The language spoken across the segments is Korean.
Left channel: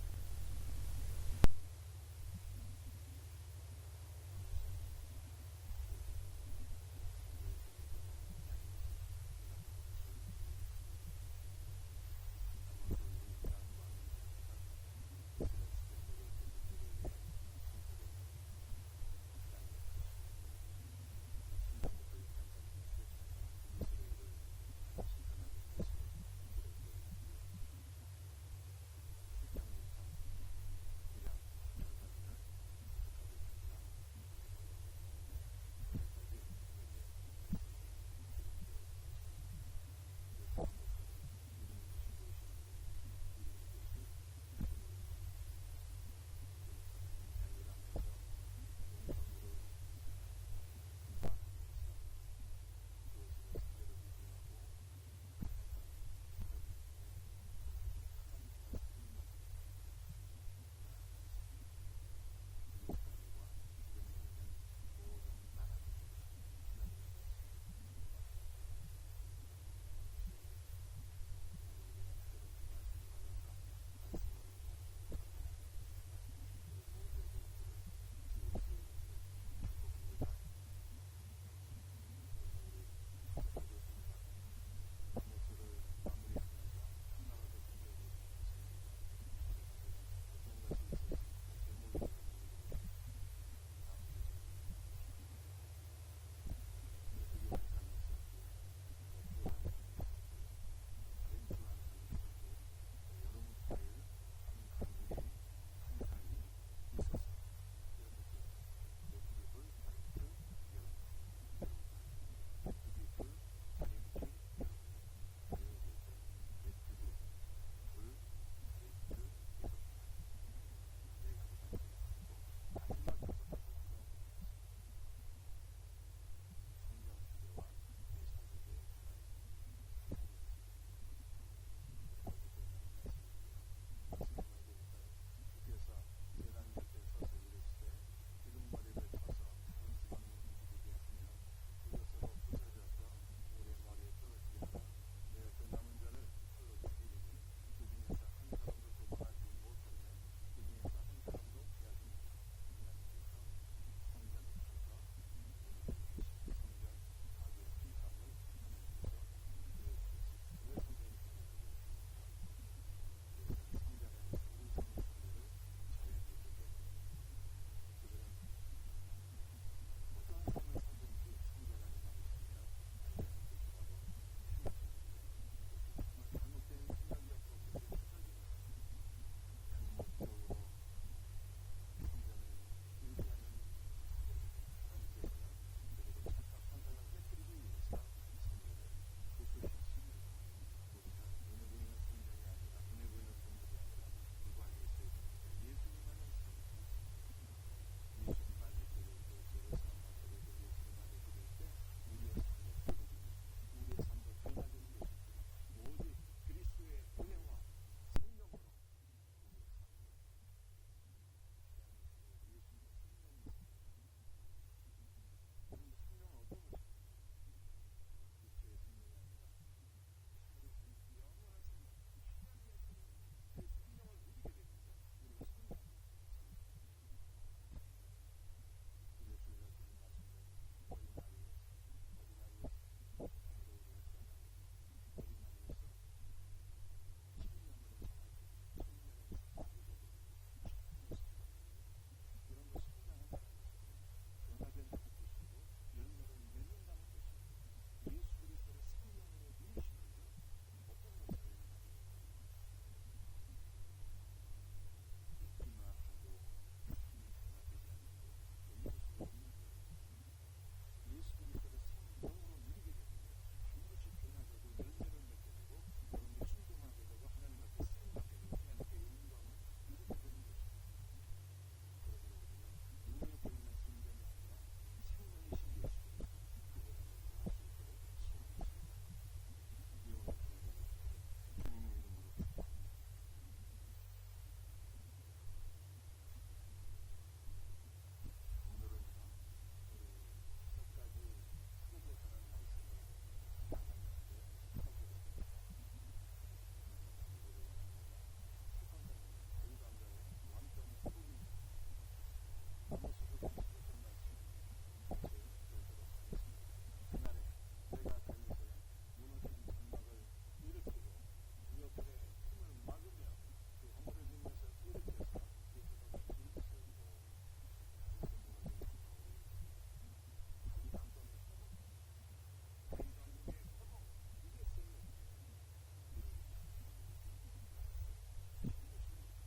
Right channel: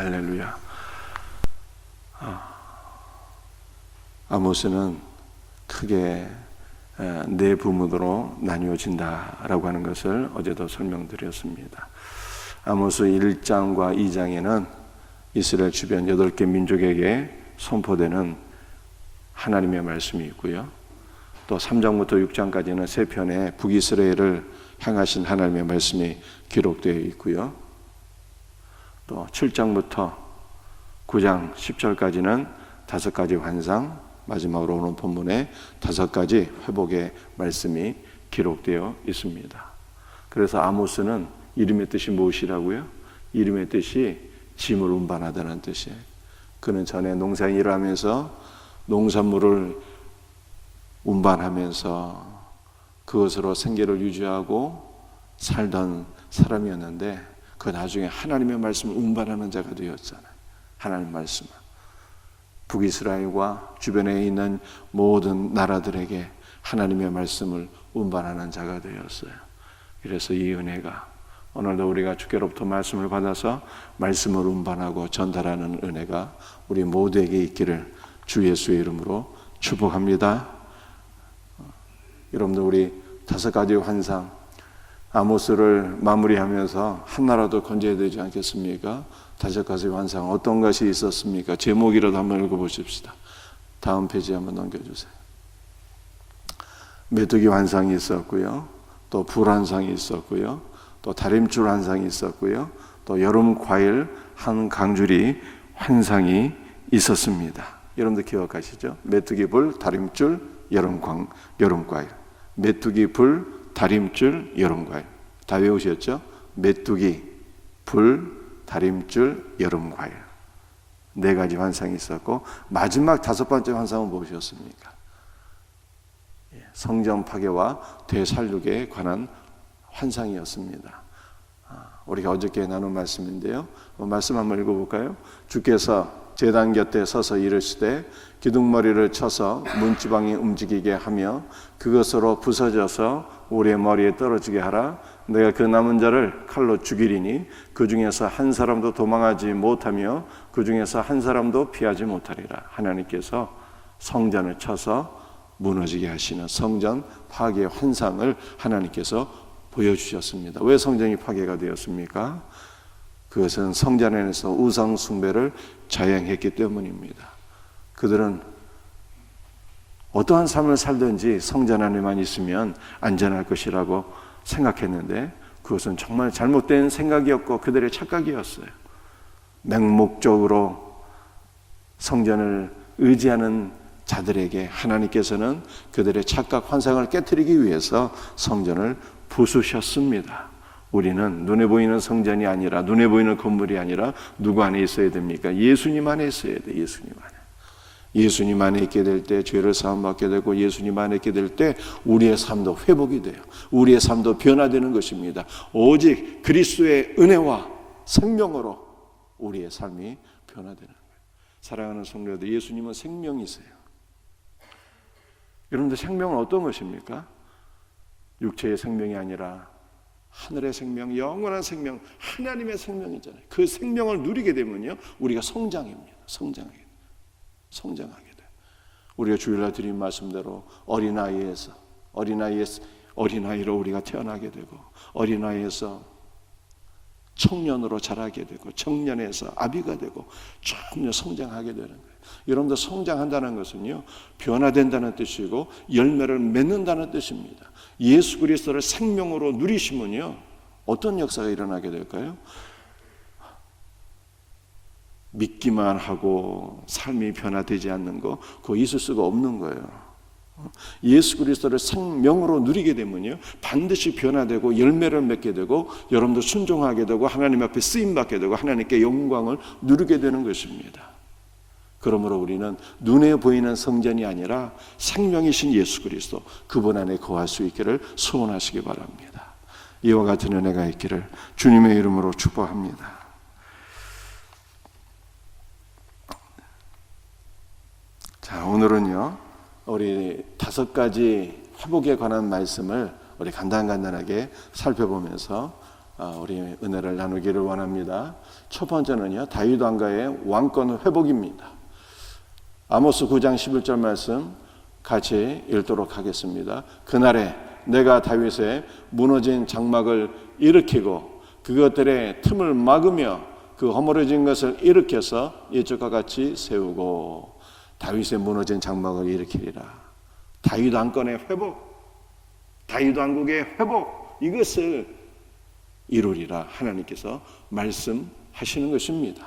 할렐루야. 아모스는 크게 네 부문으로 나뉘어진다라고 하는 것을 어제도 설명드렸습니다. 아모스 1장과 2장에는 이스라엘 주변 8개 민족에게 선포되는 하나님의 말씀이 있고요. 또 3장부터 6장까지는 세 편의 북이스라엘을 향하신 하나님의 말씀이 기록되어 있고요. 또 7장부터 9장 10절까지는 5가지 환상, 마지막으로 오는 본문에 5가지 회복의 말씀이 기록되어 있습니다. 그래서 아모스는 이름의 뜻이 무엇이라고요? 이름의 뜻이 짐을 운반하다는 뜻이에요. 그는 전에 농사일을 하면서 농산물을 운반하면서 그것으로 생계를 유지하고 살던 사람이었는데 그 나중에 하나님의 말씀을 운반하는 자가 되었잖아요. 하나님의 말씀을 북이스라엘과 주변에 있는 모든 나라들에게 하나님의 말씀을 운반하는 자가 되었어요. 그래서 이 은혜가 오늘도 우리가 주께로부터 말씀을 받아서 말씀을 운반하고 전달하는 은혜가 우리 모두에게 있기를 주 예수의 이름으로 축복합니다. 여러분들 우리 5가지 환상 아모스를 마무리하면서 하나라도 건져야 되지 않겠습니까? 5가지 환상 어떤 것이 있었습니까? 제목이라도 한번 읽어보십시다. 다음 페이지 한번 넘겨주세요. 메뚜기 환상이 있었고요. 또 불환상이 있었고요. 또 다림줄 환상이 있었고요. 또 여름 과일 한 강줄이 환상이 있었습니다. 여러분들 기억하시죠? 메뚜기 불, 다림줄, 여름 과일. 메뚜기 불, 다림줄, 여름과일. 다 외우셨죠? 메뚜기, 불, 다림줄, 여름과일. 4가지 환상이 있었고 마지막 5번째 환상은 무엇이었습니까? 성전 파괴와 되살리기에 관한 환상이었습니다. 우리가 어저께 나눈 말씀인데요. 말씀 한번 읽어볼까요? 주께서 제단 곁에 서서 이르시되 기둥머리를 쳐서 문지방이 움직이게 하며 그것으로 부서져서 우리의 머리에 떨어지게 하라. 내가 그 남은 자를 칼로 죽이리니 그 중에서 한 사람도 도망하지 못하며 그 중에서 한 사람도 피하지 못하리라. 하나님께서 성전을 쳐서 무너지게 하시는 성전 파괴 환상을 하나님께서 보여주셨습니다. 왜 성전이 파괴가 되었습니까? 그것은 성전 안에서 우상 숭배를 자행했기 때문입니다. 그들은 어떠한 삶을 sal든지 성전 안에만 있으면 안전할 것이라고 생각했는데 그것은 정말 잘못된 생각이었고 그들의 착각이었어요. 맹목적으로 성전을 의지하는 자들에게 하나님께서는 그들의 착각 환상을 깨트리기 위해서 성전을 부수셨습니다. 우리는 눈에 보이는 성전이 아니라 눈에 보이는 건물이 아니라 누구 안에 있어야 됩니까? 예수님 안에 있어야 돼요. 예수님 안에. 예수님 안에 있게 될 때 죄를 사함받게 되고 예수님 안에 있게 될 때 우리의 삶도 회복이 돼요. 우리의 삶도 변화되는 것입니다. 오직 그리스도의 은혜와 생명으로 우리의 삶이 변화되는 거예요. 사랑하는 성도들, 예수님은 생명이세요. 여러분들 생명은 어떤 것입니까? 육체의 생명이 아니라 하늘의 생명, 영원한 생명, 하나님의 생명이잖아요. 그 생명을 누리게 되면요 우리가 성장합니다. 성장하게 돼. 우리가 주일날 드린 말씀대로 어린아이로 우리가 태어나게 되고 어린아이에서 청년으로 자라게 되고 청년에서 아비가 되고 점점 성장하게 되는 거예요. 여러분들 성장한다는 것은요 변화된다는 뜻이고 열매를 맺는다는 뜻입니다. 예수 그리스도를 생명으로 누리시면요 어떤 역사가 일어나게 될까요? 믿기만 하고 삶이 변화되지 않는 거 그거 있을 수가 없는 거예요. 예수 그리스도를 생명으로 누리게 되면요 반드시 변화되고 열매를 맺게 되고 여러분도 순종하게 되고 하나님 앞에 쓰임받게 되고 하나님께 영광을 누리게 되는 것입니다. 그러므로 우리는 눈에 보이는 성전이 아니라 생명이신 예수 그리스도 그분 안에 거할 수 있기를 소원하시기 바랍니다. 이와 같은 은혜가 있기를 주님의 이름으로 축복합니다. 자, 오늘은요 우리 5가지 회복에 관한 말씀을 우리 간단하게 살펴보면서 우리 은혜를 나누기를 원합니다. 첫 번째는요, 다윗 왕가의 왕권 회복입니다. 아모스 9장 11절 말씀 같이 읽도록 하겠습니다. 그날에 내가 다윗의 무너진 장막을 일으키고 그것들의 틈을 막으며 그 허물어진 것을 일으켜서 이쪽과 같이 세우고 다윗의 무너진 장막을 일으키리라. 다윗 왕권의 회복, 다윗 왕국의 회복, 이것을 이루리라 하나님께서 말씀하시는 것입니다.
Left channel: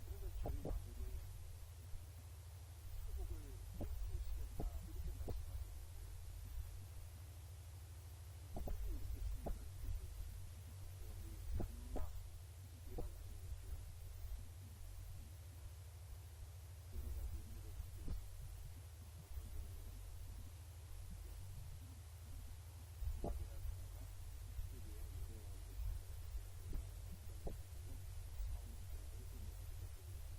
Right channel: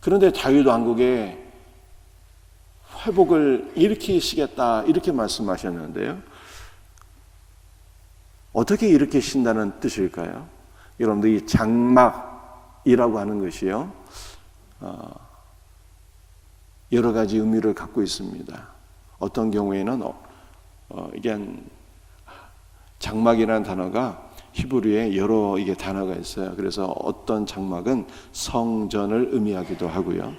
그런데 다윗 왕국의 회복을 일으키시겠다 이렇게 말씀하셨는데요, 어떻게 일으키신다는 뜻일까요? 여러분들 이 장막이라고 하는 것이요, 여러 가지 의미를 갖고 있습니다. 어떤 경우에는 이게 장막이라는 단어가 히브리에 여러 이게 단어가 있어요. 그래서 어떤 장막은 성전을 의미하기도 하고요.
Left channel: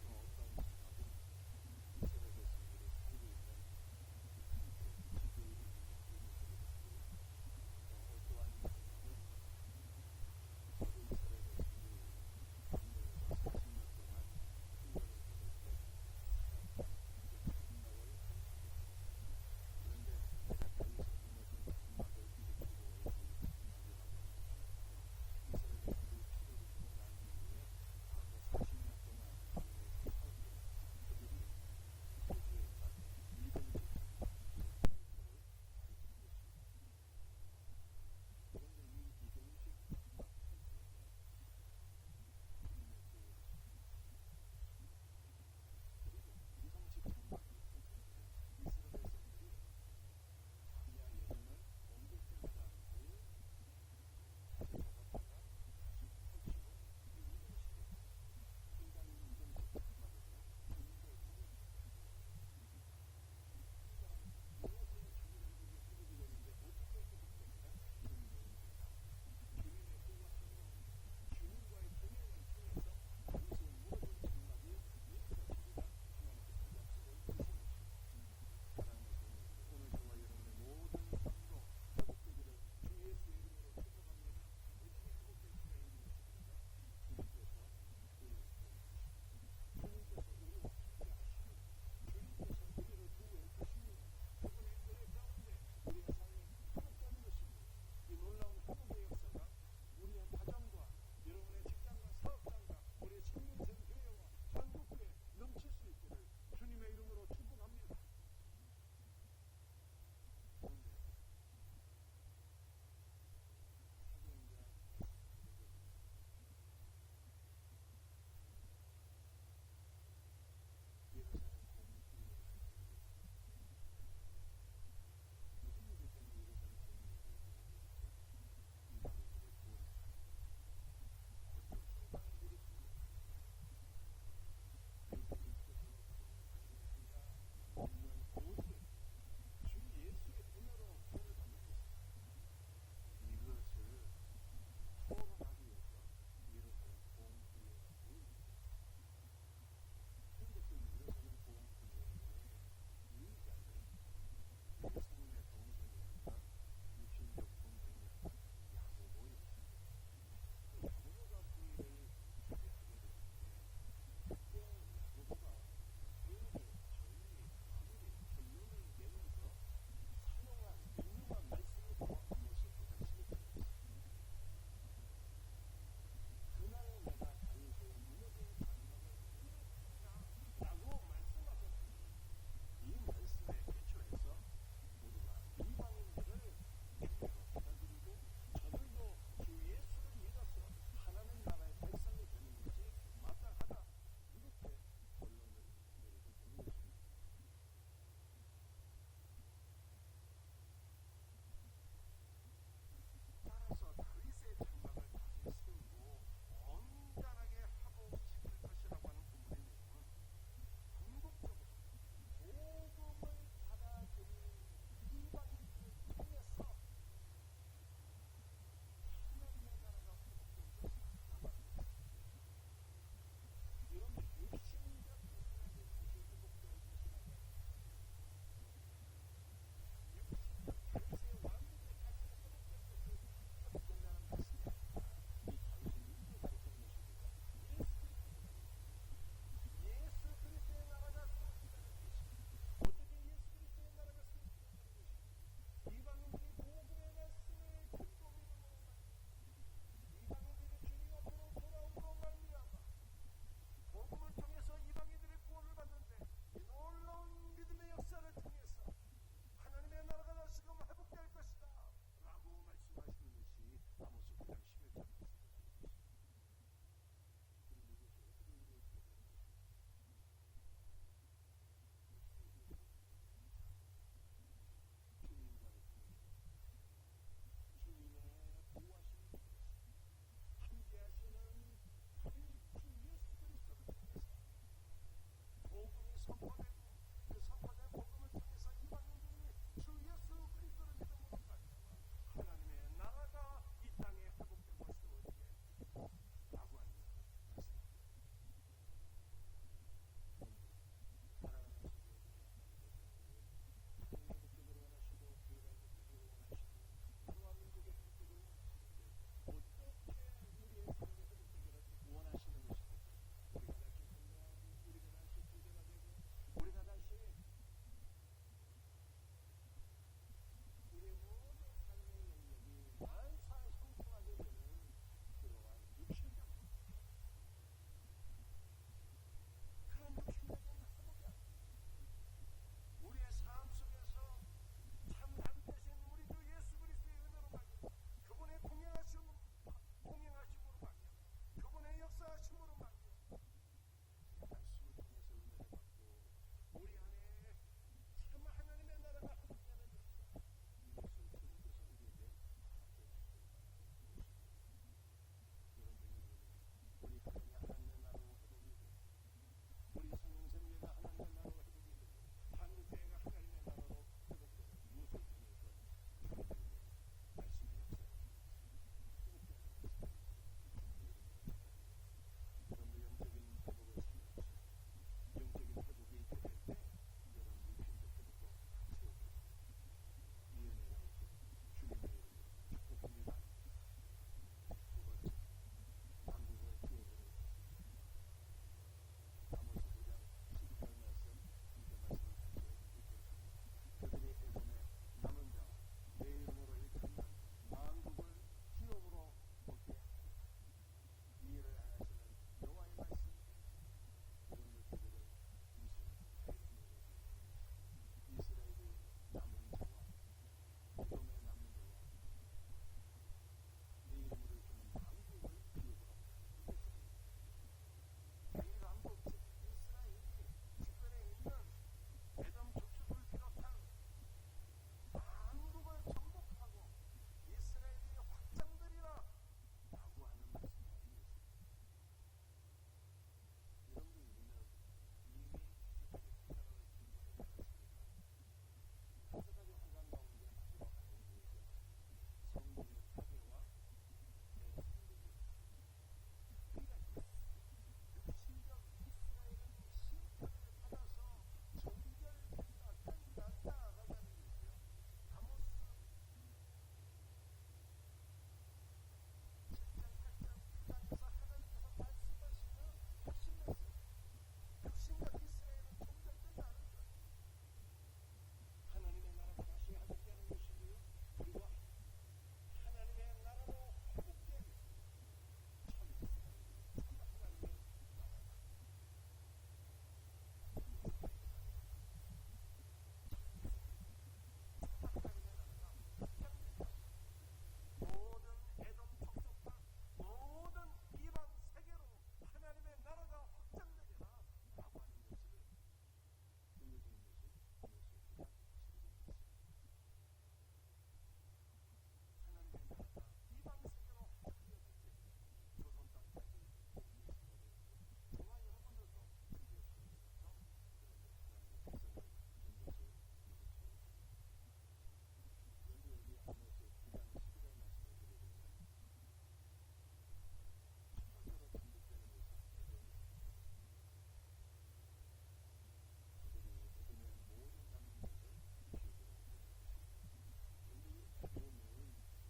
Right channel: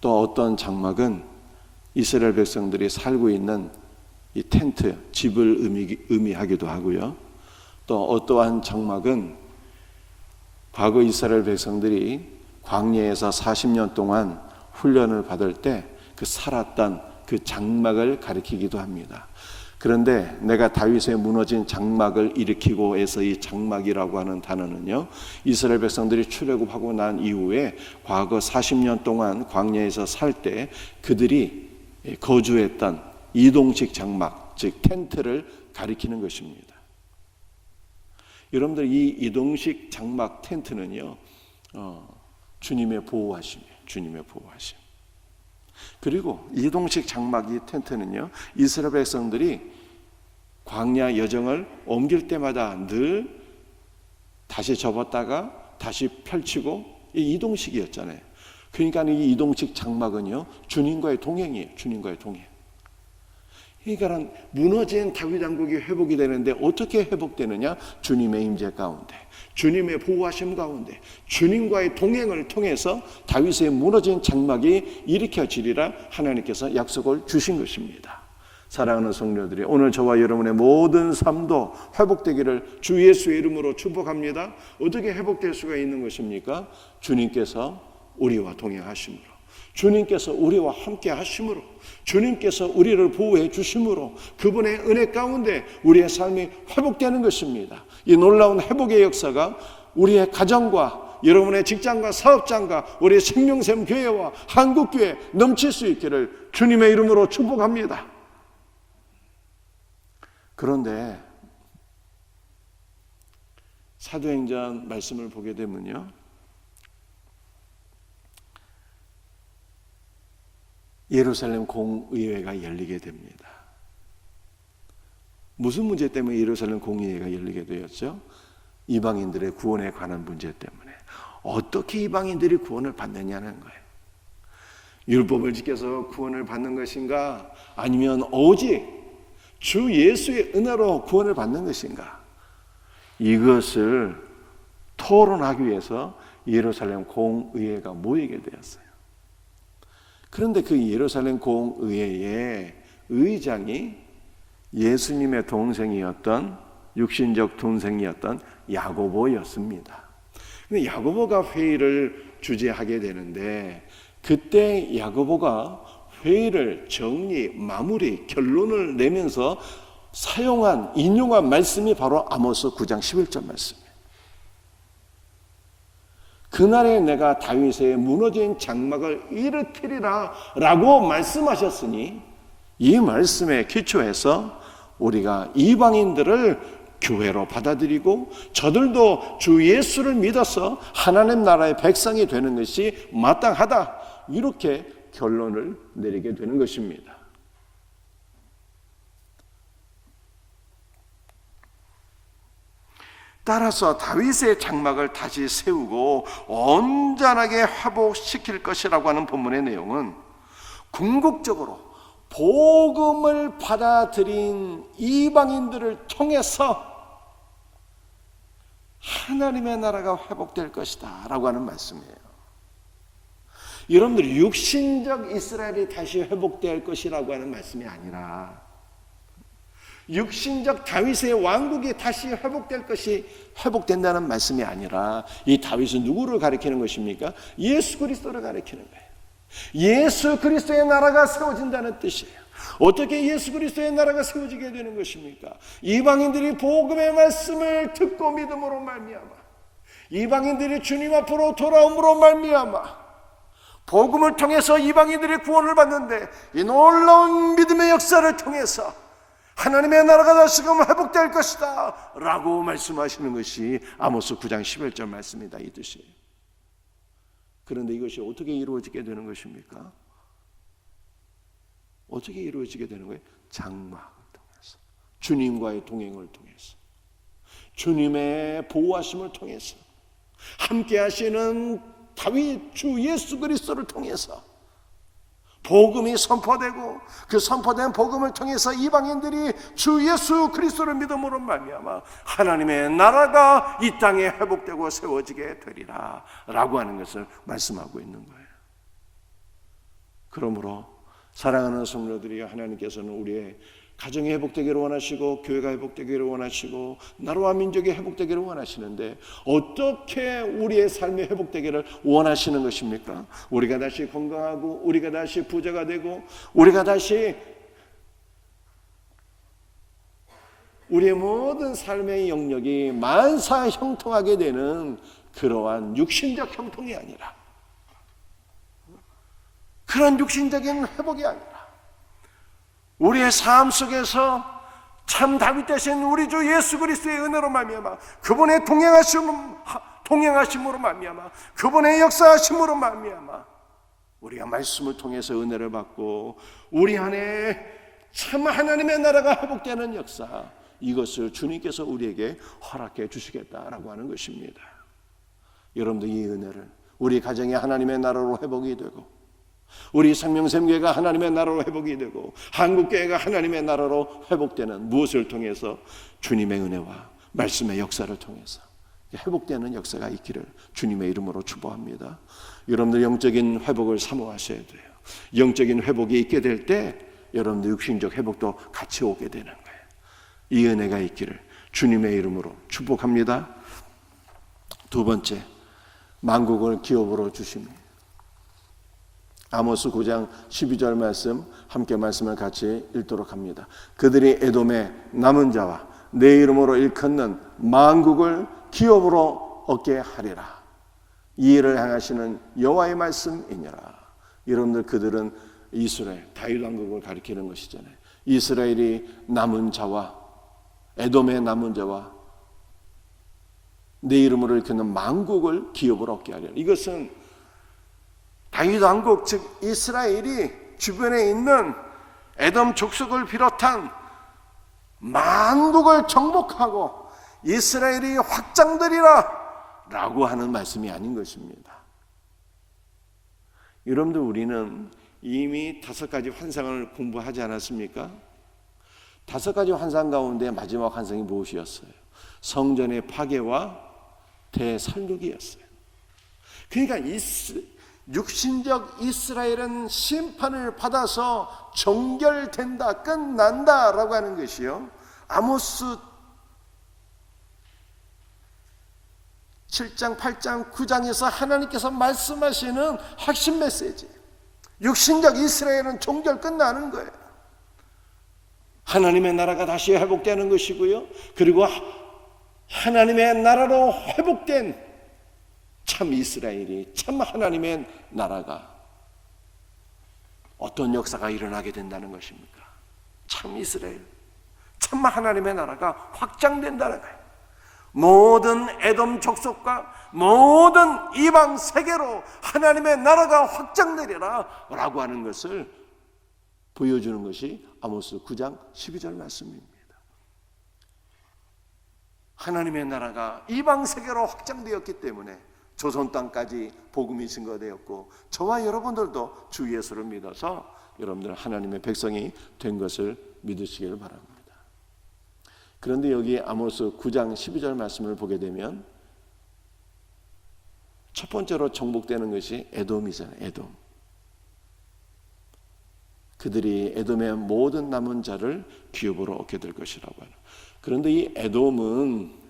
또 어떤 장막은 이스라엘 백성들이 살고 있는 이 텐트, 집을 의미하기도 하고요. 또 어떠한 장막은 과거 이스라엘 백성들이 광야에서 40년 동안 훈련을 받을 때 그 살았던 그 장막을 가리키기도 합니다. 그런데 내가 다윗의 무너진 장막을 일으키고 해서 이 장막이라고 하는 단어는요, 이스라엘 백성들이 출애굽하고 난 이후에 과거 40년 동안 광야에서 살 때 그들이 거주했던 이동식 장막, 즉 텐트를 가리키는 것입니다. 여러분들 이 이동식 장막 텐트는요, 주님의 보호하심이에요. 주님의 보호하심. 그리고 이동식 장막 이 텐트는요, 이스라엘 백성들이 광야 여정을 옮길 때마다 늘 다시 접었다가 다시 펼치고 이 이동식이었잖아요. 그러니까 이 이동식 장막은요, 주님과의 동행이에요. 주님과의 동행. 그러니까 무너진 다윗 왕국이 회복이 되는데 어떻게 회복되느냐? 주님의 임재 가운데, 주님의 보호하심 가운데, 주님과의 동행을 통해서 다윗의 무너진 장막이 일으켜지리라 하나님께서 약속을 주신 것입니다. 사랑하는 성도들이, 오늘 저와 여러분의 모든 삶도 회복되기를 주 예수의 이름으로 축복합니다. 어떻게 회복될 수가 있는 것입니까? 주님께서 우리와 동행하심으로, 주님께서 우리와 함께 하심으로, 주님께서 우리를 보호해 주심으로, 그분의 은혜 가운데 우리의 삶이 회복되는 것입니다. 이 놀라운 회복의 역사가 우리의 가정과 여러분의 직장과 사업장과 우리의 생명샘 교회와 한국교회에 넘칠 수 있기를 주님의 이름으로 축복합니다. 그런데 사도행전 말씀을 보게 되면요, 예루살렘 공의회가 열리게 됩니다. 무슨 문제 때문에 예루살렘 공의회가 열리게 되었죠? 이방인들의 구원에 관한 문제 때문에. 어떻게 이방인들이 구원을 받느냐는 거예요. 율법을 지켜서 구원을 받는 것인가, 아니면 오직 주 예수의 은혜로 구원을 받는 것인가, 이것을 토론하기 위해서 예루살렘 공의회가 모이게 되었어요. 그런데 그 예루살렘 공의회의 의장이 예수님의 동생이었던, 육신적 동생이었던 야고보였습니다. 근데 야고보가 회의를 주재하게 되는데, 그때 야고보가 회의를 정리, 마무리, 결론을 내면서 인용한 말씀이 바로 아모스 9장 11절 말씀이에요. 그날에 내가 다윗의 무너진 장막을 일으키리라 라고 말씀하셨으니, 이 말씀에 기초해서 우리가 이방인들을 교회로 받아들이고 저들도 주 예수를 믿어서 하나님 나라의 백성이 되는 것이 마땅하다, 이렇게 결론을 내리게 되는 것입니다. 따라서 다윗의 장막을 다시 세우고 온전하게 회복시킬 것이라고 하는 본문의 내용은 궁극적으로 복음을 받아들인 이방인들을 통해서 하나님의 나라가 회복될 것이다 라고 하는 말씀이에요. 여러분들, 육신적 이스라엘이 다시 회복될 것이라고 하는 말씀이 아니라 육신적 다윗의 왕국이 다시 회복될 것이 회복된다는 말씀이 아니라 이 다윗은 누구를 가리키는 것입니까? 예수 그리스도를 가리키는 거예요. 예수 그리스도의 나라가 세워진다는 뜻이에요. 어떻게 예수 그리스도의 나라가 세워지게 되는 것입니까? 이방인들이 복음의 말씀을 듣고 믿음으로 말미암아, 이방인들이 주님 앞으로 돌아옴으로 말미암아 복음을 통해서 이방인들이 구원을 받는데, 이 놀라운 믿음의 역사를 통해서 하나님의 나라가 다시금 회복될 것이다 라고 말씀하시는 것이 아모스 9장 11절 말씀이다, 이 뜻이에요. 그런데 이것이 어떻게 이루어지게 되는 것입니까? 어떻게 이루어지게 되는 거예요? 장막을 통해서, 주님과의 동행을 통해서, 주님의 보호하심을 통해서, 함께 하시는 다윗 주 예수 그리스도를 통해서 복음이 선포되고, 그 선포된 복음을 통해서 이방인들이 주 예수 그리스도를 믿음으로 말미암아 하나님의 나라가 이 땅에 회복되고 세워지게 되리라 라고 하는 것을 말씀하고 있는 거예요. 그러므로 사랑하는 성도들이, 하나님께서는 우리의 가정이 회복되기를 원하시고, 교회가 회복되기를 원하시고, 나라와 민족이 회복되기를 원하시는데, 어떻게 우리의 삶이 회복되기를 원하시는 것입니까? 우리가 다시 건강하고, 우리가 다시 부자가 되고, 우리가 다시 우리의 모든 삶의 영역이 만사 형통하게 되는 그러한 육신적 형통이 아니라, 그런 육신적인 회복이 아니라, 우리의 삶 속에서 참 다윗 대신 우리 주 예수 그리스도의 은혜로 말미암아, 그분의 동행하심으로 말미암아, 그분의 역사하심으로 말미암아 우리가 말씀을 통해서 은혜를 받고, 우리 안에 참 하나님의 나라가 회복되는 역사, 이것을 주님께서 우리에게 허락해 주시겠다라고 하는 것입니다. 여러분들, 이 은혜를 우리 가정이 하나님의 나라로 회복이 되고, 우리 생명샘교회가 하나님의 나라로 회복이 되고, 한국교회가 하나님의 나라로 회복되는 무엇을 통해서? 주님의 은혜와 말씀의 역사를 통해서 회복되는 역사가 있기를 주님의 이름으로 축복합니다. 여러분들 영적인 회복을 사모하셔야 돼요. 영적인 회복이 있게 될 때 여러분들 육신적 회복도 같이 오게 되는 거예요. 이 은혜가 있기를 주님의 이름으로 축복합니다. 두 번째, 만국을 기업으로 주십니다. 아모스 9장 12절 말씀, 함께 말씀을 같이 읽도록 합니다. 그들이 에돔의 남은 자와 내 이름으로 일컫는 만국을 기업으로 얻게 하리라. 이 일을 행하시는 여호와의 말씀이니라. 여러분들, 그들은 이스라엘, 다윗 왕국을 가리키는 것이잖아요. 이스라엘이 남은 자와, 에돔의 남은 자와 내 이름으로 일컫는 만국을 기업으로 얻게 하리라. 이것은 다윗 왕국, 즉 이스라엘이 주변에 있는 에돔 족속을 비롯한 만국을 정복하고 이스라엘이 확장되리라 라고 하는 말씀이 아닌 것입니다. 여러분들, 우리는 이미 5가지 환상을 공부하지 않았습니까? 5가지 환상 가운데 마지막 환상이 무엇이었어요? 성전의 파괴와 대살육이었어요. 그러니까 육신적 이스라엘은 심판을 받아서 종결된다, 끝난다라고 하는 것이요, 아모스 7장, 8장, 9장에서 하나님께서 말씀하시는 핵심 메시지. 육신적 이스라엘은 종결 끝나는 거예요. 하나님의 나라가 다시 회복되는 것이고요, 그리고 하나님의 나라로 회복된 참 이스라엘이, 참 하나님의 나라가 어떤 역사가 일어나게 된다는 것입니까? 참 이스라엘, 참 하나님의 나라가 확장된다는 거예요. 모든 에돔 족속과 모든 이방 세계로 하나님의 나라가 확장되리라 라고 하는 것을 보여주는 것이 아모스 9장 12절 말씀입니다. 하나님의 나라가 이방 세계로 확장되었기 때문에 조선 땅까지 복음이 증거되었고, 저와 여러분들도 주 예수를 믿어서 여러분들 하나님의 백성이 된 것을 믿으시길 바랍니다. 그런데 여기 아모스 9장 12절 말씀을 보게 되면 첫 번째로 정복되는 것이 에돔이잖아요. 에돔. 그들이 에돔의 모든 남은 자를 기업으로 얻게 될 것이라고 하는. 그런데 이 에돔은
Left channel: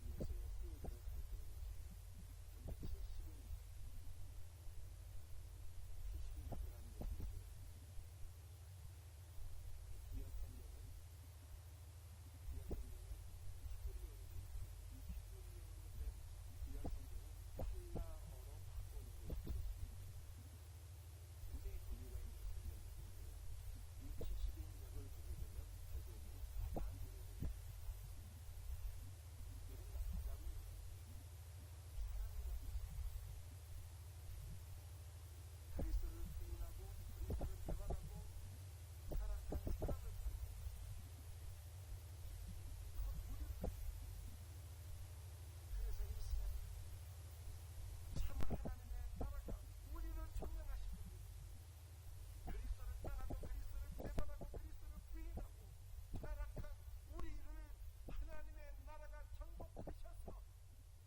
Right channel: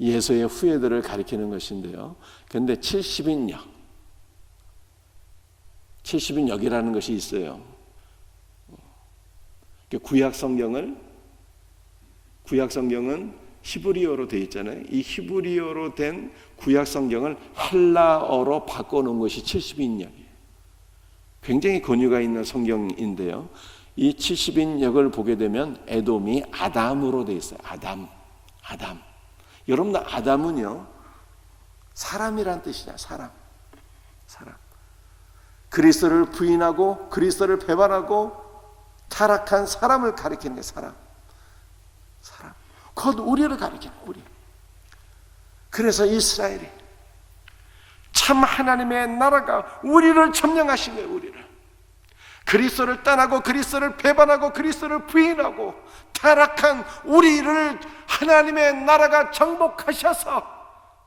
예수의 후예들을 가리키는 것인데요. 그런데 70인역이라는 것이 있어요. 구약 성경은 히브리어로 되어 있잖아요. 이 히브리어로 된 구약 성경을 헬라어로 바꿔놓은 것이 70인역이에요. 굉장히 권위가 있는 성경인데요. 이 70인역을 보게 되면 에돔이 아담으로 되어 있어요. 아담. 여러분들 아담은요, 사람이란 뜻이냐. 사람. 그리스도를 부인하고 그리스도를 배반하고 타락한 사람을 가리키는 게 사람. 곧 우리를 가리키는 우리. 그래서 이스라엘이 참 하나님의 나라가 우리를 점령하신 거예요. 우리를. 그리스도를 떠나고 그리스도를 배반하고 그리스도를 부인하고 타락한 우리를 하나님의 나라가 정복하셔서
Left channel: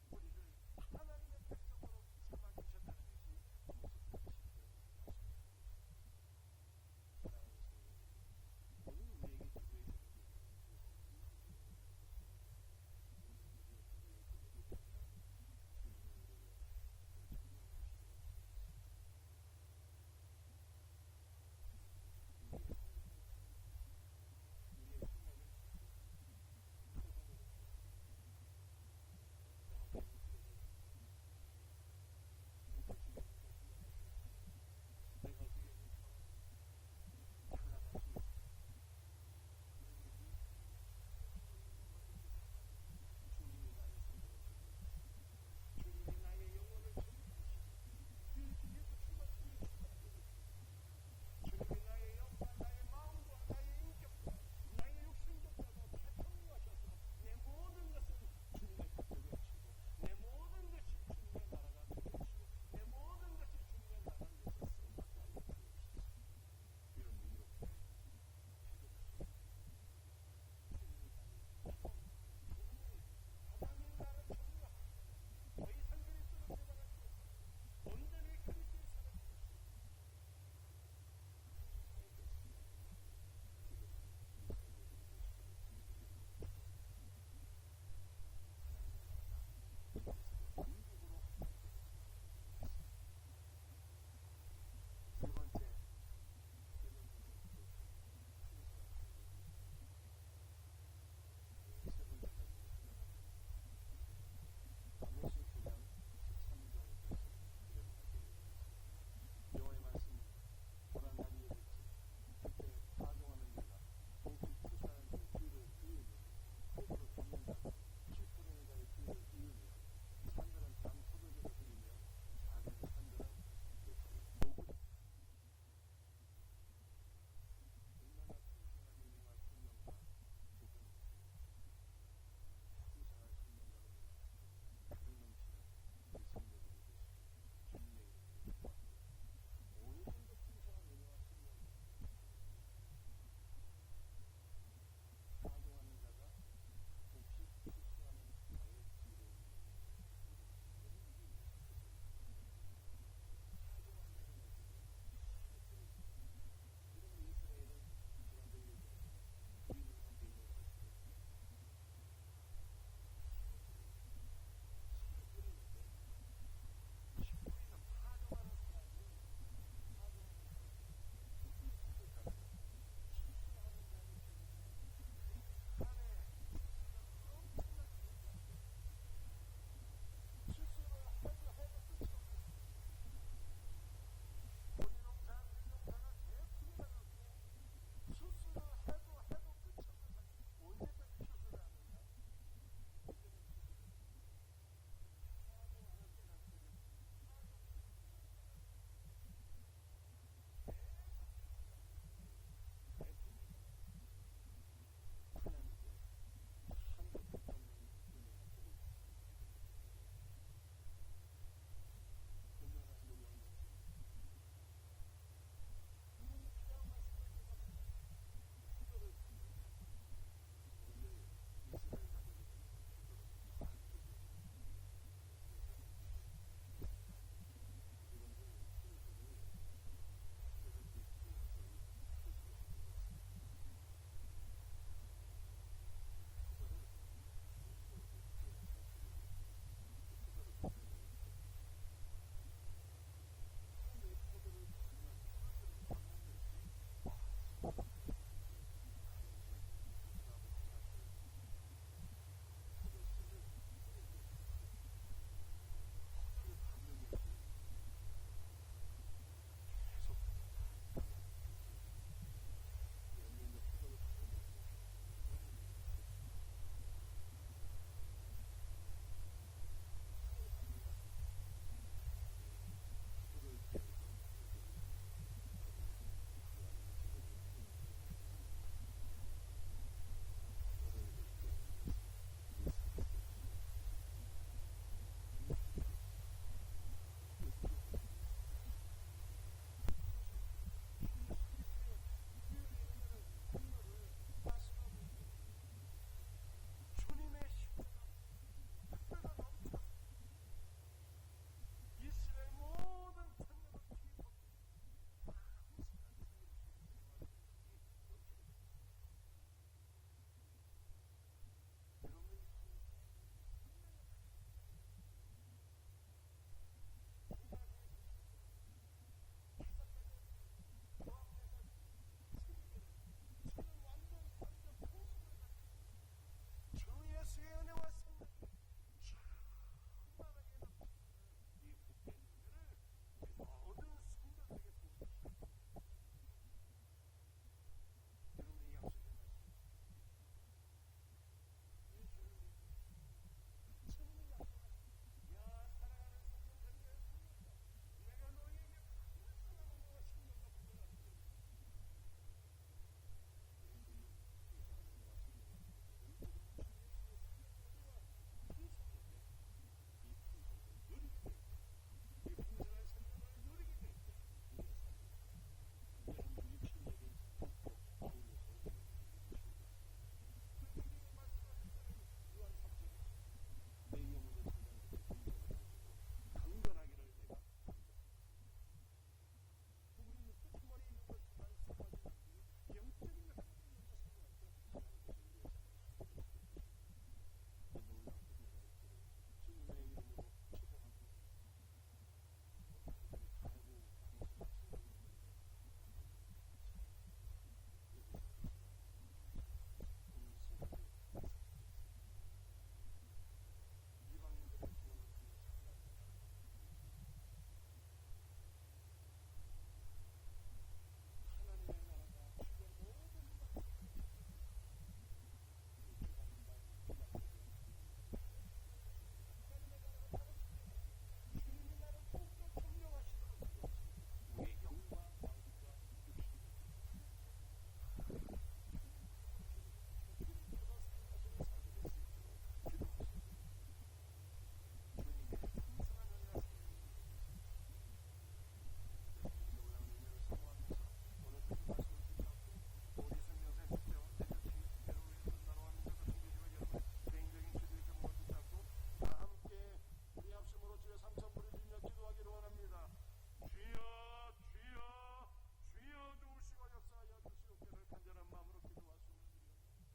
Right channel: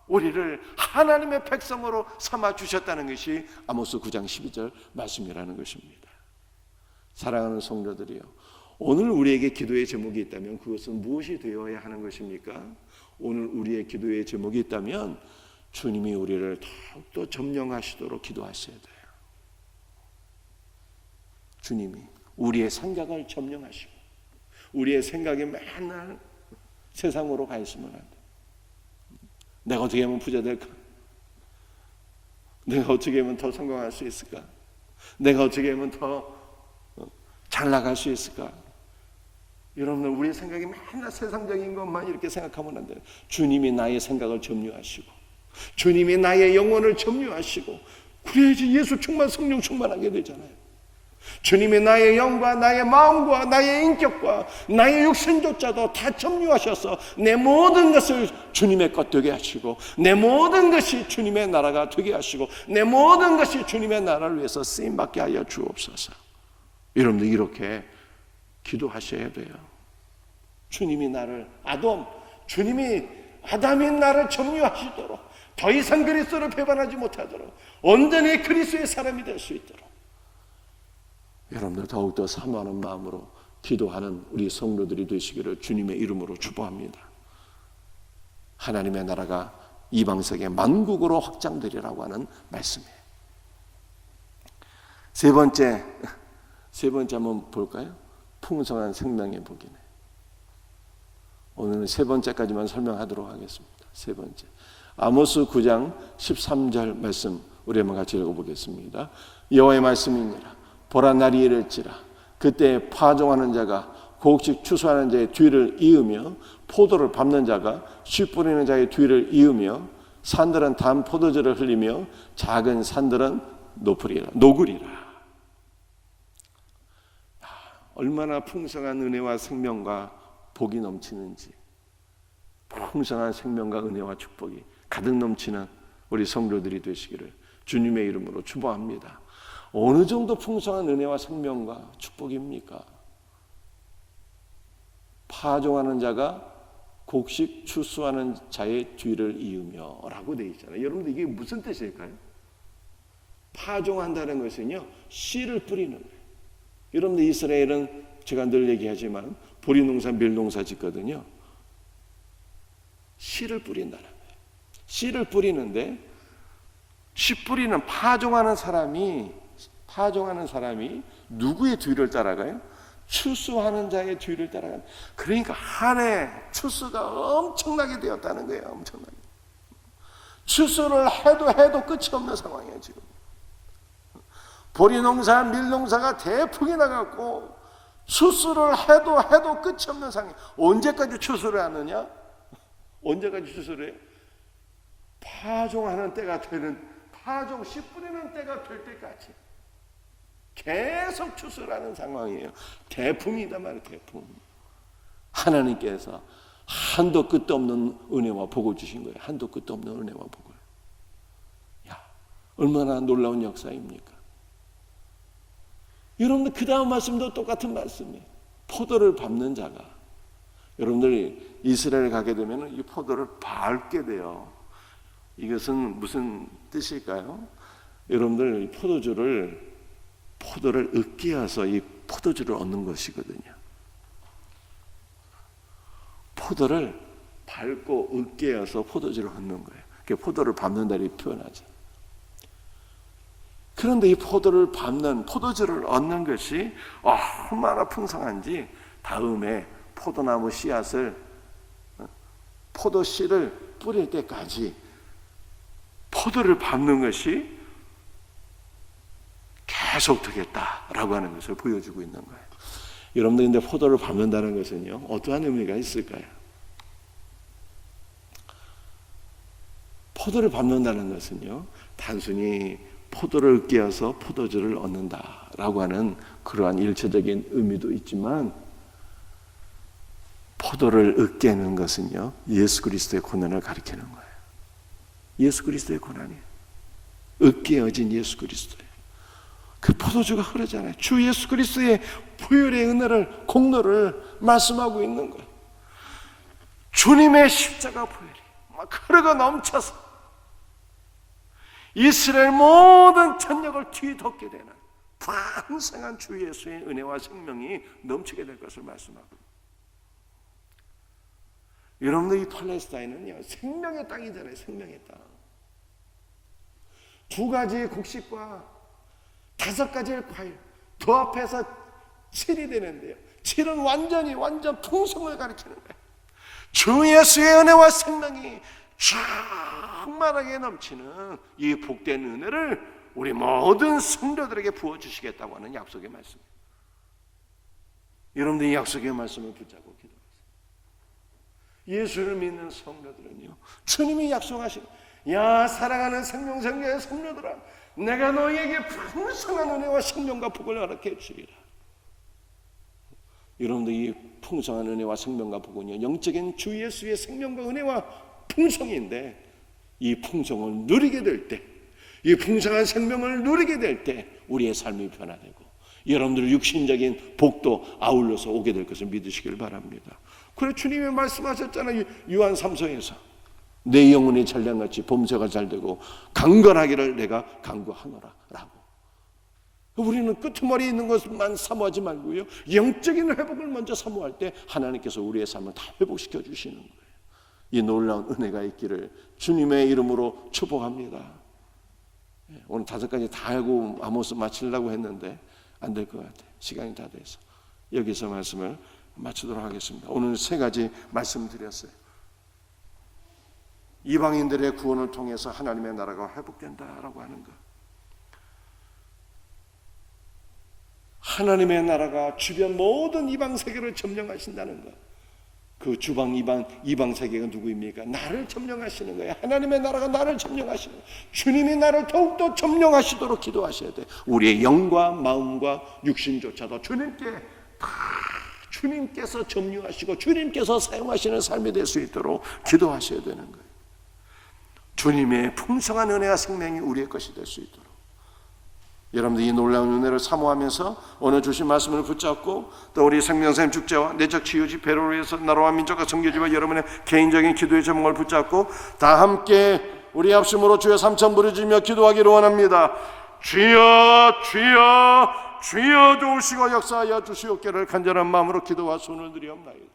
우리를 하나님의 백성으로 삼아 주셨다는 것이 아모스 9장 12절 말씀이라는 것입니다. 사랑하는 성도들이요, 오늘 우리에게 기도의 제목이 있다면 그것은 무엇이 되어야 하는 것입니까? 오늘 우리의 기도의 제목이 있다면 주님이 우리를 더욱더 점령하시도록 기도하셔야 돼요. 주님이 우리의 생각을 점령하시고 우리의 생각이 맨날 세상으로 가 있으면 안 돼. 내가 어떻게 하면 부자 될까? 내가 어떻게 하면 더 성공할 수 있을까? 내가 어떻게 하면 더 잘 나갈 수 있을까? 여러분들, 우리의 생각이 맨날 세상적인 것만 이렇게 생각하면 안 돼요. 주님이 나의 생각을 점유하시고 주님이 나의 영혼을 점유하시고 그래야지 예수 충만, 성령 충만하게 되잖아요. 주님이 나의 영과 나의 마음과 나의 인격과 나의 육신조차도 다 점유하셔서 내 모든 것을 주님의 것 되게 하시고 내 모든 것이 주님의 나라가 되게 하시고 내 모든 것이 주님의 나라를 위해서 쓰임받게 하여 주옵소서. 여러분들 이렇게 기도하셔야 돼요. 주님이 아담이 나를 점유하시도록, 더 이상 그리스도를 배반하지 못하도록, 온전히 그리스도의 사람이 될 수 있도록 여러분들 더욱더 사모하는 마음으로 기도하는 우리 성도들이 되시기를 주님의 이름으로 축복합니다. 하나님의 나라가 이방세계 만국으로 확장되리라고 하는 말씀이에요. 세 번째 한번 볼까요? 풍성한 생명의 복이네. 오늘은 세 번째까지만 설명하도록 하겠습니다. 세 번째, 아모스 9장 13절 말씀 우리 한번 같이 읽어보겠습니다. 여호와의 말씀이니라. 보라, 날이 이를지라. 그때 파종하는 자가 곡식 추수하는 자의 뒤를 이으며 포도를 밟는 자가 씨 뿌리는 자의 뒤를 이으며 산들은 단 포도주를 흘리며 작은 산들은 녹으리라. 얼마나 풍성한 은혜와 생명과 복이 넘치는지, 풍성한 생명과 은혜와 축복이 가득 넘치는 우리 성도들이 되시기를 주님의 이름으로 축복합니다. 어느 정도 풍성한 은혜와 생명과 축복입니까? 파종하는 자가 곡식 추수하는 자의 뒤를 이으며 라고 되어 있잖아요. 여러분들 이게 무슨 뜻일까요? 파종한다는 것은요, 씨를 뿌리는 거예요. 여러분들 이스라엘은 제가 늘 얘기하지만 보리농사, 밀농사 짓거든요. 씨를 뿌린다는 거예요. 씨를 뿌리는데 씨 뿌리는 파종하는 사람이 누구의 뒤를 따라가요? 추수하는 자의 뒤를 따라가요. 그러니까 한 해 추수가 엄청나게 되었다는 거예요. 엄청나게. 추수를 해도 끝이 없는 상황이에요. 지금 보리농사, 밀농사가 대풍이 나갖고 추수를 해도 끝이 없는 상황. 언제까지 추수를 하느냐? 언제까지 추수를 해? 파종하는 때가 되는, 파종 씨 뿌리는 때가 될 때까지 계속 추수를 하는 상황이에요. 대풍이다 말이에요. 대풍. 하나님께서 한도 끝도 없는 은혜와 복을 주신 거예요. 한도 끝도 없는 은혜와 복을. 야, 얼마나 놀라운 역사입니까? 여러분들 그 다음 말씀도 똑같은 말씀이에요. 포도를 밟는 자가, 여러분들이 이스라엘 가게 되면 이 포도를 밟게 돼요. 이것은 무슨 뜻일까요? 여러분들 포도를 으깨어서 이 포도주를 얻는 것이거든요. 포도를 밟고 으깨어서 포도주를 얻는 거예요. 그게 포도를 밟는다 이렇게 표현하죠. 그런데 이 포도를 밟는 포도주를 얻는 것이 얼마나 풍성한지 다음에 포도나무 씨앗을 포도씨를 뿌릴 때까지 포도를 밟는 것이 계속 되겠다라고 하는 것을 보여주고 있는 거예요. 여러분들 근데 포도를 밟는다는 것은요 어떠한 의미가 있을까요? 포도를 밟는다는 것은요 단순히 포도를 으깨어서 포도주를 얻는다라고 하는 그러한 일체적인 의미도 있지만 포도를 으깨는 것은요 예수 그리스도의 고난을 가리키는 거예요. 예수 그리스도의 고난이에요. 으깨어진 예수 그리스도예요. 그 포도주가 흐르잖아요. 주 예수 그리스도의 보혈의 은혜를 공로를 말씀하고 있는 거예요. 주님의 십자가 보혈이 막 흐르고 넘쳐서 이스라엘 모든 전역을 뒤덮게 되는 풍성한 주 예수의 은혜와 생명이 넘치게 될 것을 말씀하고 있습니다. 여러분들 이 팔레스타인은요 생명의 땅이잖아요. 생명의 땅. 두 가지의 곡식과 5가지의 과일 그 앞에서 7이 되는데요 7은 완전 풍성을 가리키는 거예요. 주 예수의 은혜와 생명이 충만하게 넘치는 이 복된 은혜를 우리 모든 성도들에게 부어주시겠다고 하는 약속의 말씀입니다. 여러분들 이 약속의 말씀을 붙잡고 기도하세요. 예수를 믿는 성도들은요 주님이 약속하신 야 사랑하는 생명생명의 성도들아 내가 너희에게 풍성한 은혜와 생명과 복을 허락해 주리라. 여러분들 이 풍성한 은혜와 생명과 복은요 영적인 주 예수의 생명과 은혜와 풍성인데 이 풍성을 누리게 될 때 이 풍성한 생명을 누리게 될 때 우리의 삶이 변화되고 여러분들의 육신적인 복도 아울러서 오게 될 것을 믿으시길 바랍니다. 그래 주님이 말씀하셨잖아요. 요한 3서에서 내 영혼이 잘량같이 범죄가 잘되고 강건하기를 내가 강구하노라 라고. 우리는 끄트머리에 있는 것만 사모하지 말고요 영적인 회복을 먼저 사모할 때 하나님께서 우리의 삶을 다 회복시켜 주시는 거예요. 이 놀라운 은혜가 있기를 주님의 이름으로 축복합니다. 오늘 5가지 다 알고 아모스 마치려고 했는데 안 될 것 같아요. 시간이 다 돼서 여기서 말씀을 마치도록 하겠습니다. 오늘 3가지 말씀드렸어요. 이방인들의 구원을 통해서 하나님의 나라가 회복된다라고 하는 것, 하나님의 나라가 주변 모든 이방 세계를 점령하신다는 것. 그 주방 이방 세계가 누구입니까? 나를 점령하시는 거예요. 하나님의 나라가 나를 점령하시는 거예요. 주님이 나를 더욱더 점령하시도록 기도하셔야 돼요. 우리의 영과 마음과 육신조차도 주님께서 점령하시고 주님께서 사용하시는 삶이 될 수 있도록 기도하셔야 되는 거예요. 주님의 풍성한 은혜와 생명이 우리의 것이 될 수 있도록 여러분들 이 놀라운 은혜를 사모하면서 오늘 주신 말씀을 붙잡고 또 우리 생명샘 축제와 내적 치유 집회를 위해서 나라와 민족과 선교지와 여러분의 개인적인 기도의 제목을 붙잡고 다 함께 우리 합심으로 주여 삼천 부르짖으며 기도하기를 원합니다. 주여 주여 주여 도우시고 역사하여 주시옵기를 간절한 마음으로 기도와 손을 드리옵나이다.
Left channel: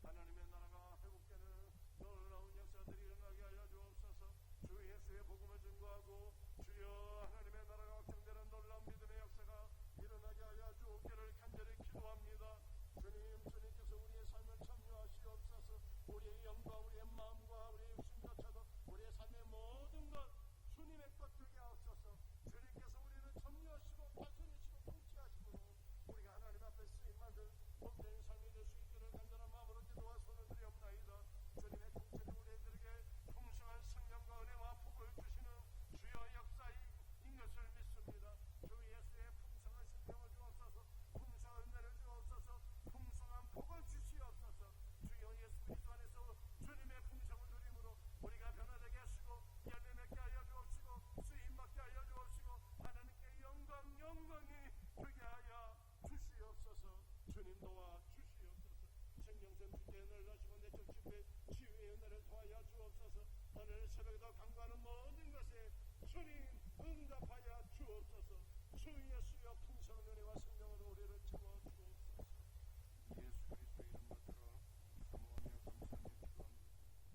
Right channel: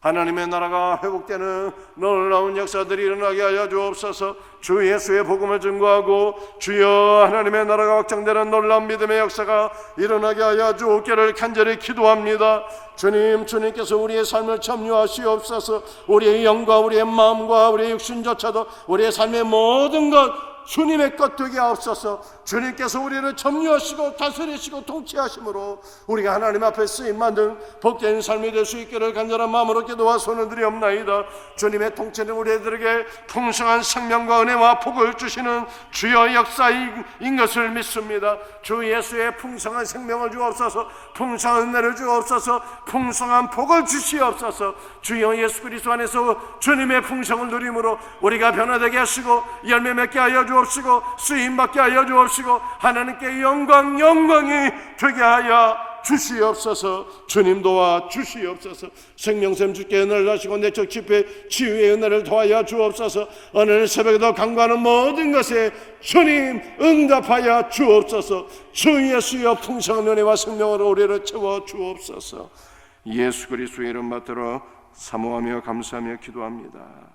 하나님의 나라가 회복되는 놀라운 역사들이 일어나게 하여 주옵소서. 주 예수의 복음을 증거하고 주여 하나님의 나라가 확장되는 놀라운 믿음의 역사가 일어나게 하여 주옵기를 간절히 기도합니다. 주님께서 우리의 삶을 점유하시옵소서. 우리의 영과 우리의 마음과 우리의 육신조차도 우리의 삶의 모든 것 주님의 것 되게 하옵소서. 주님께서 우리를 점유하시고 다스리시고 통치하심으로 우리가 하나님 앞에 쓰임받는 복된 삶이 될 수 있기를 간절한 마음으로 기도와 손을 드리옵나이다. 주님의 통치는 우리들에게 풍성한 생명과 은혜와 복을 주시는 주여 역사인 것을 믿습니다. 주 예수의 풍성한 생명을 주옵소서. 풍성한 은혜를 주옵소서. 풍성한 복을 주시옵소서. 주여 예수 그리스도 안에서 주님의 풍성을 누림으로 우리가 변화되게 하시고 열매 맺게 하여 주옵시고 쓰임받게 하여 주옵시고 하나님께 영광이 되게 하여 주시옵소서. 주님 도와 주시옵소서. 생명샘 주께 은혜를 하시고 내적 집회 치유의 은혜를 더하여 주옵소서. 오늘 새벽에도 간구하는 모든 것에 주님 응답하여 주옵소서. 주 예수여 풍성한 은혜와 생명으로 우리를 채워 주옵소서. 예수 그리스도의 이름 받들어 사모하며 감사하며 기도합니다.